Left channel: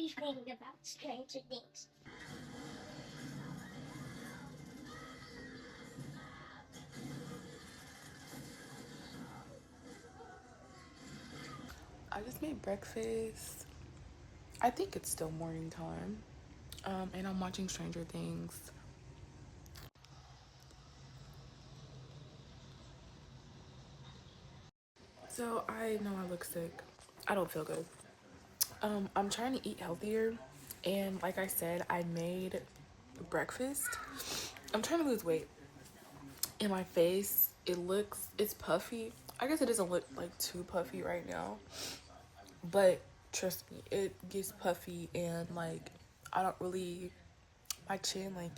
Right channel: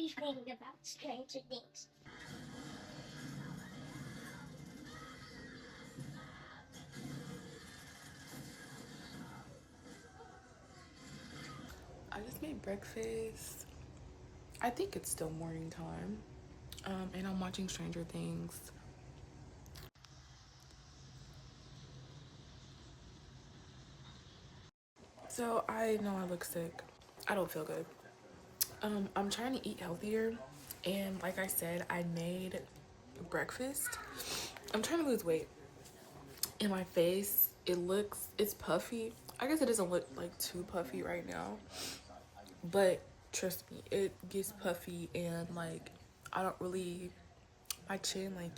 everything about Stranger Things. I just made breakfast. I think it's still morning time. And I'm watching Stranger Things. So I know I look sick. I don't feel good. I'm trying to eat healthier, and like I said, I made breakfast. I'm trying to lose weight. In my face, it's puffy. I guess it doesn't look like too puffy right now, but trust me, it gets puffy, and like I don't really, my chin, like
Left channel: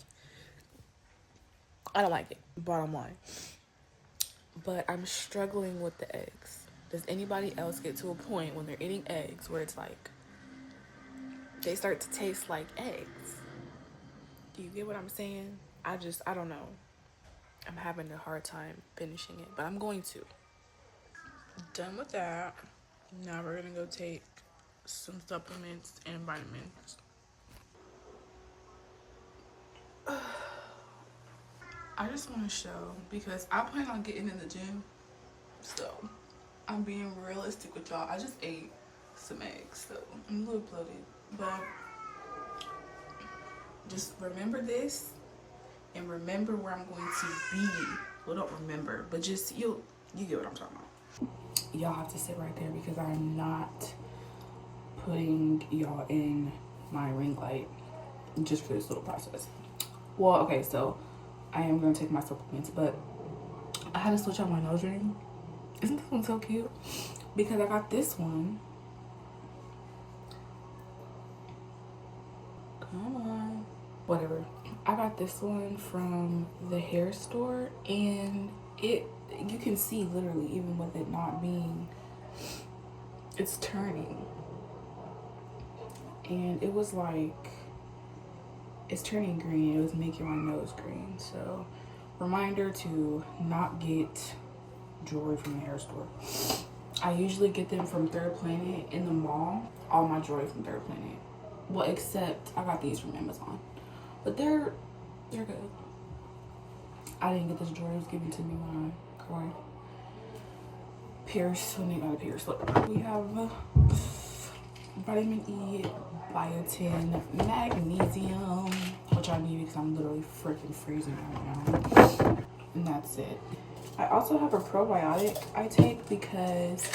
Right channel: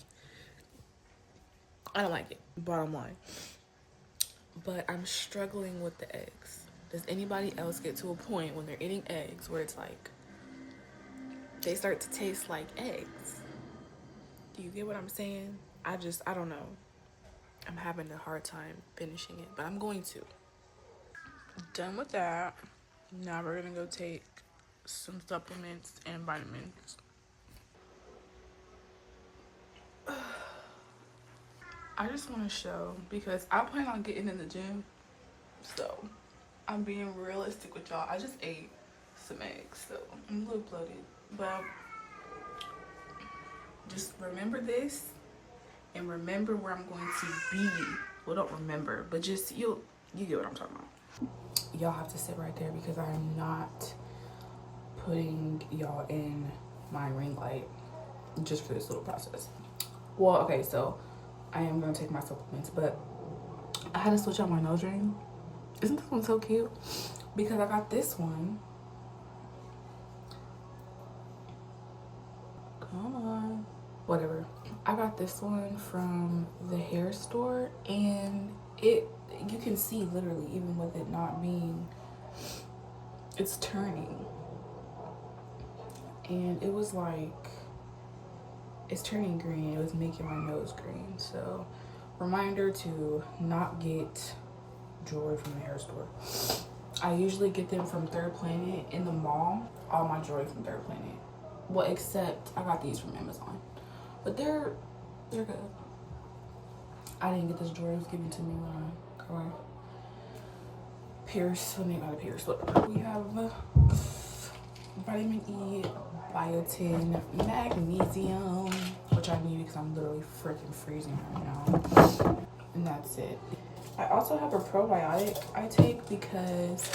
I don't like it, bottom line. But I'm struggling with the eggs. Does anybody else get to a point when they're eating eggs where it's like they start to taste like eggs? Do you get what I'm saying? I don't know. I'm having a hard time finishing it, but I'm going to. Done with that. Now we're gonna go take some supplements and vitamins. I just want to show because I plan on getting in the gym, so I'm being realistic with y'all. I just ate some eggs, so I'm a little bloated, but just remember this and remember where I'm going to be. Well, don't remember, but just you get what I'm talking about. Y'all have to sit right there because I am not putting y'all in my ring light just for this little process. Well, okay, so I am gonna take my supplements, but I had to switch out my nose ring. Isn't this one so cute? Because I got this one. Come on. Whatever. I got this one from the hair store, and you can see literally, even with it not being, it's turning. And it was like, it's turning green. It was making my nose green. So, reminder to not get jewelry from the hair store. I usually get them from Third Planet in the mall. All my jewelry from Third Planet. Well, except I got these from Amazon. But they're good. I didn't get this jewelry. It was given to me when I got my pierce. When they got a pierce. Look, we have vitamin E, biotin, magnesium, which I need because I'm literally freaking freezing right now. And that's it. I also have a probiotic I take because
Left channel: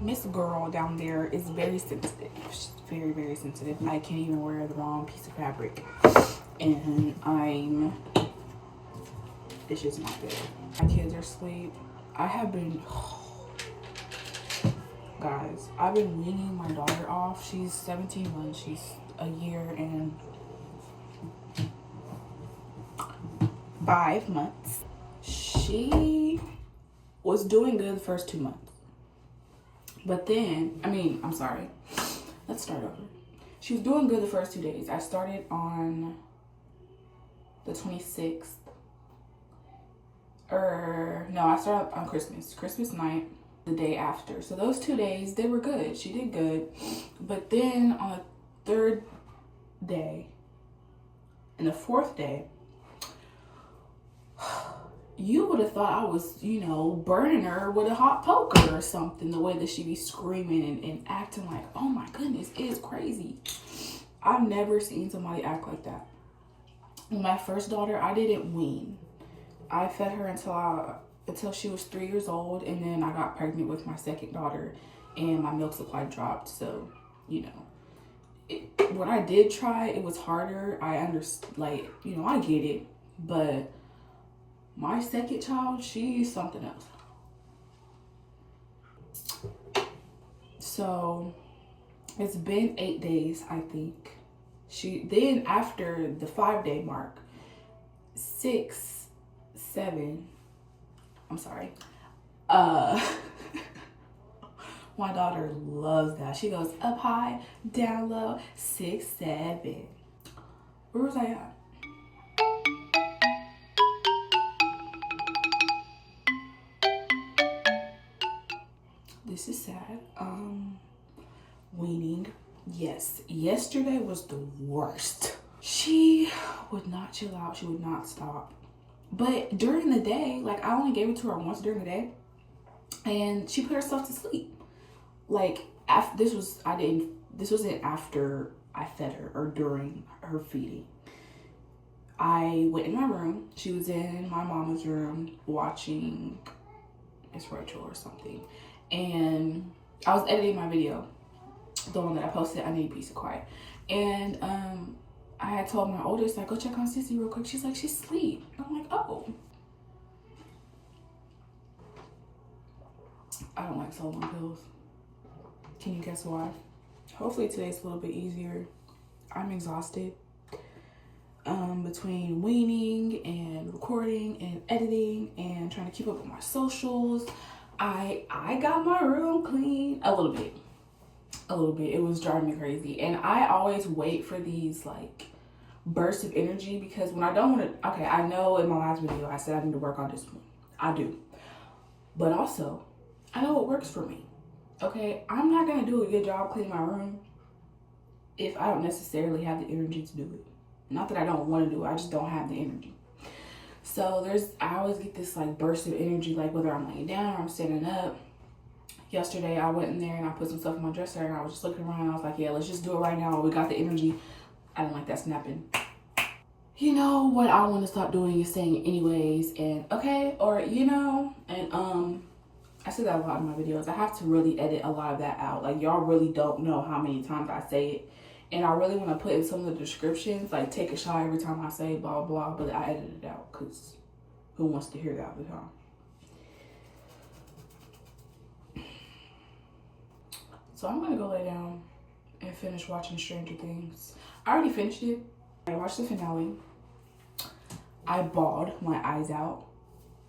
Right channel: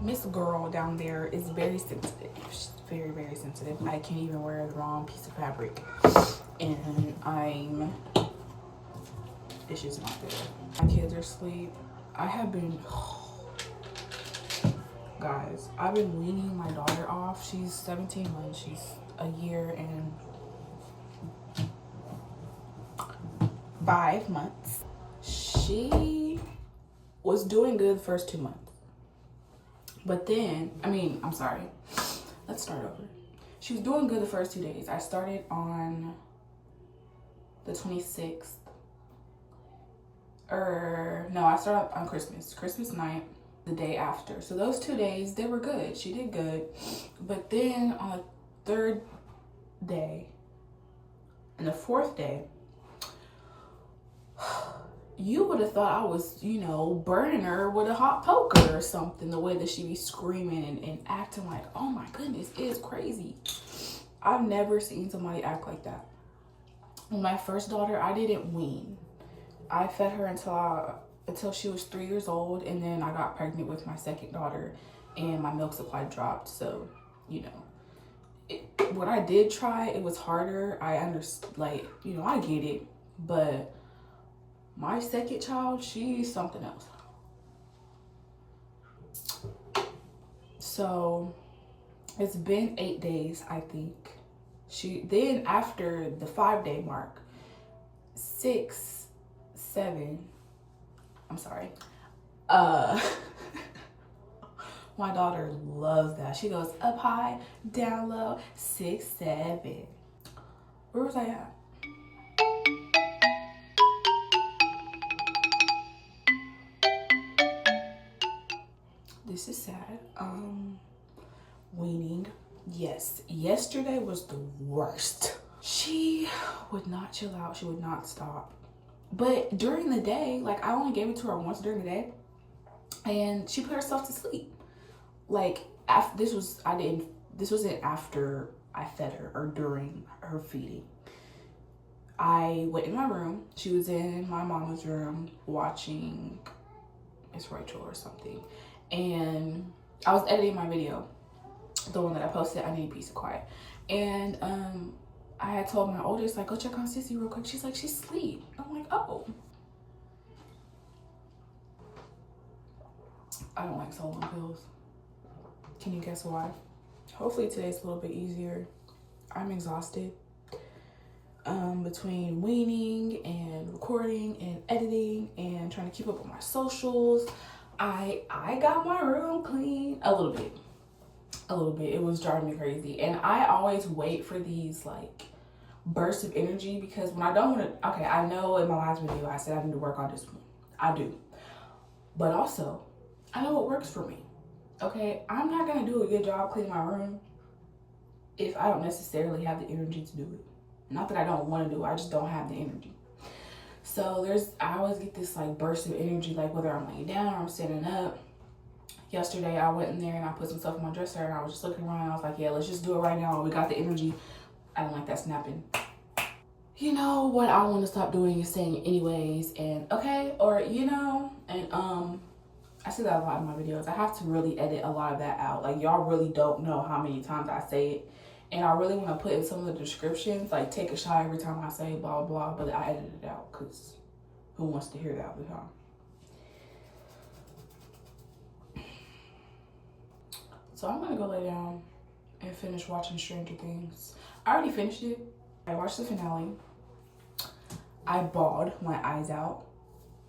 Miss Girl down there is very sensitive. She's very, very sensitive. I can't even wear the wrong piece of fabric. And it's just not good. My kids are asleep. I have been, guys, I've been weaning my daughter off. She's 17 months. She's a year and 5 months. She was doing good the first 2 months. But then, I'm sorry. Let's start over. She was doing good the first 2 days. I started on the 26th. I started on Christmas night, the day after. So those 2 days, they were good. She did good. But then on the third day and the fourth day, you would have thought I was, burning her with a hot poker or something, the way that she be screaming and acting like, oh my goodness, it's crazy. I've never seen somebody act like that. With my first daughter, I didn't wean. I fed her until she was 3 years old, and then I got pregnant with my second daughter, and my milk supply dropped. So, when I did try, it was harder. I understand, I get it, but my second child, she's something else. So it's been 8 days, I think. Then after the 5-day mark, 6, 7, I'm sorry. My daughter loves that. She goes up high, down low, 6, 7. Where was I at? This is sad. weaning. Yes, yesterday was the worst. She would not chill out. She would not stop. But during the day, like I only gave it to her once during the day, and she put herself to sleep. Like after this wasn't after I fed her or during her feeding. I went in my room. She was in my mama's room watching Miss Rachel or something, and I was editing my video, the one that I posted. I need peace and quiet, and I had told my oldest, like, go check on Sissy real quick. She's like, she's asleep. I'm like, oh. I don't like so long pills. Can you guess why? Hopefully today's a little bit easier. I'm exhausted. Between weaning and recording and editing and trying to keep up with my socials, I got my room clean a little bit. It was driving me crazy, and I always wait for these like bursts of energy, because when I don't want to, okay, I know in my last video I said I need to work on discipline. I do, but also I know what works for me. Okay, I'm not gonna do a good job cleaning my room if I don't necessarily have the energy to do it. Not that I don't want to do it, I just don't have the energy. So I always get this like burst of energy, like whether I'm laying down or I'm standing up. Yesterday I went in there and I put some stuff in my dresser, and I was just looking around and I was like, yeah, let's just do it right now. We got the energy. I don't like that snapping. You know what I want to stop doing is saying it anyways, and okay, or you know, and I say that a lot in my videos. I have to really edit a lot of that out. Like y'all really don't know how many times I say it. And I really want to put in some of the descriptions, like take a shot every time I say blah, blah, but I edited it out because who wants to hear that all the time? So I'm going to go lay down and finish watching Stranger Things. I already finished it. I watched the finale. I bawled my eyes out.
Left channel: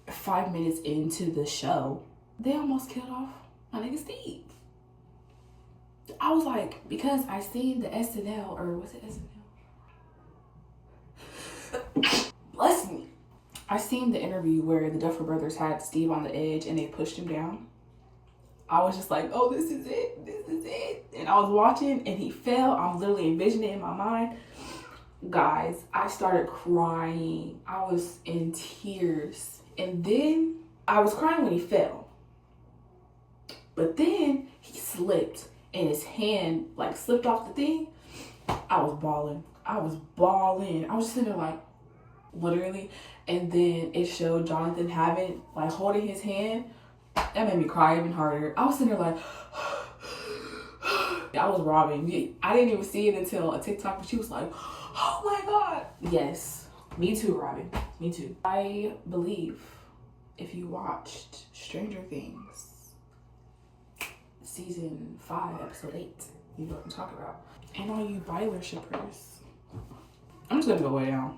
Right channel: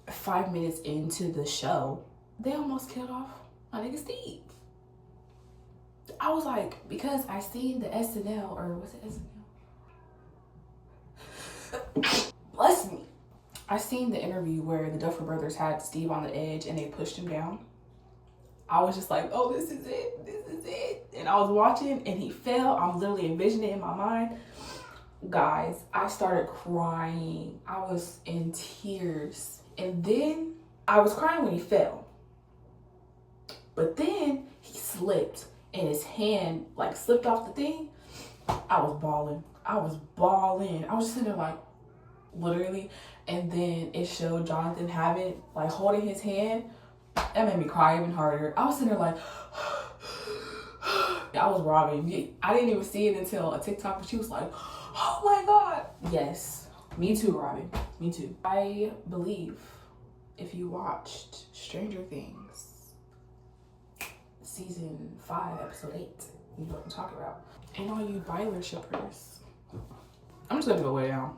5 minutes into the show, they almost killed off my nigga Steve. I was like, because I seen the SNL, or was it SNL? Bless me. I seen the interview where the Duffer Brothers had Steve on the edge and they pushed him down. I was just like, oh, this is it. And I was watching and he fell. I'm literally envisioning it in my mind. Guys, I started crying. I was in tears. And then I was crying when he fell. But then he slipped and his hand like slipped off the thing. I was bawling. I was just sitting there like, literally. And then it showed Jonathan like holding his hand. That made me cry even harder. I was sitting there like, I was robbing. I didn't even see it until a TikTok, but she was like, oh my God. Yes, me too, Robin. Me too. I believe if you watched Stranger Things, season 5, episode 8, you know what I'm talking about. And all you Byler shippers, I'm just gonna go way down.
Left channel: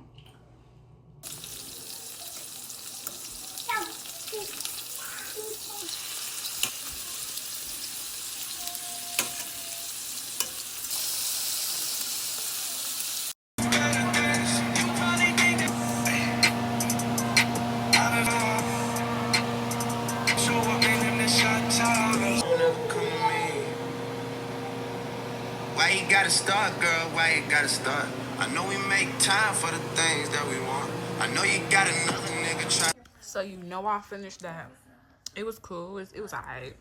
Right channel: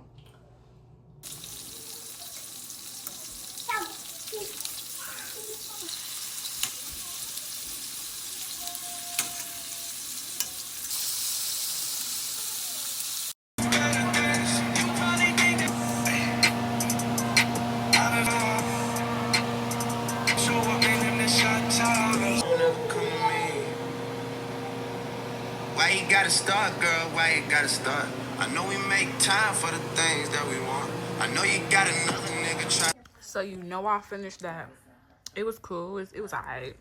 Why you gotta start, girl? Why you gotta start? I know we make time for the things that we want. I know you got another nigga try. So you know I finished that. It was cool. It was alright.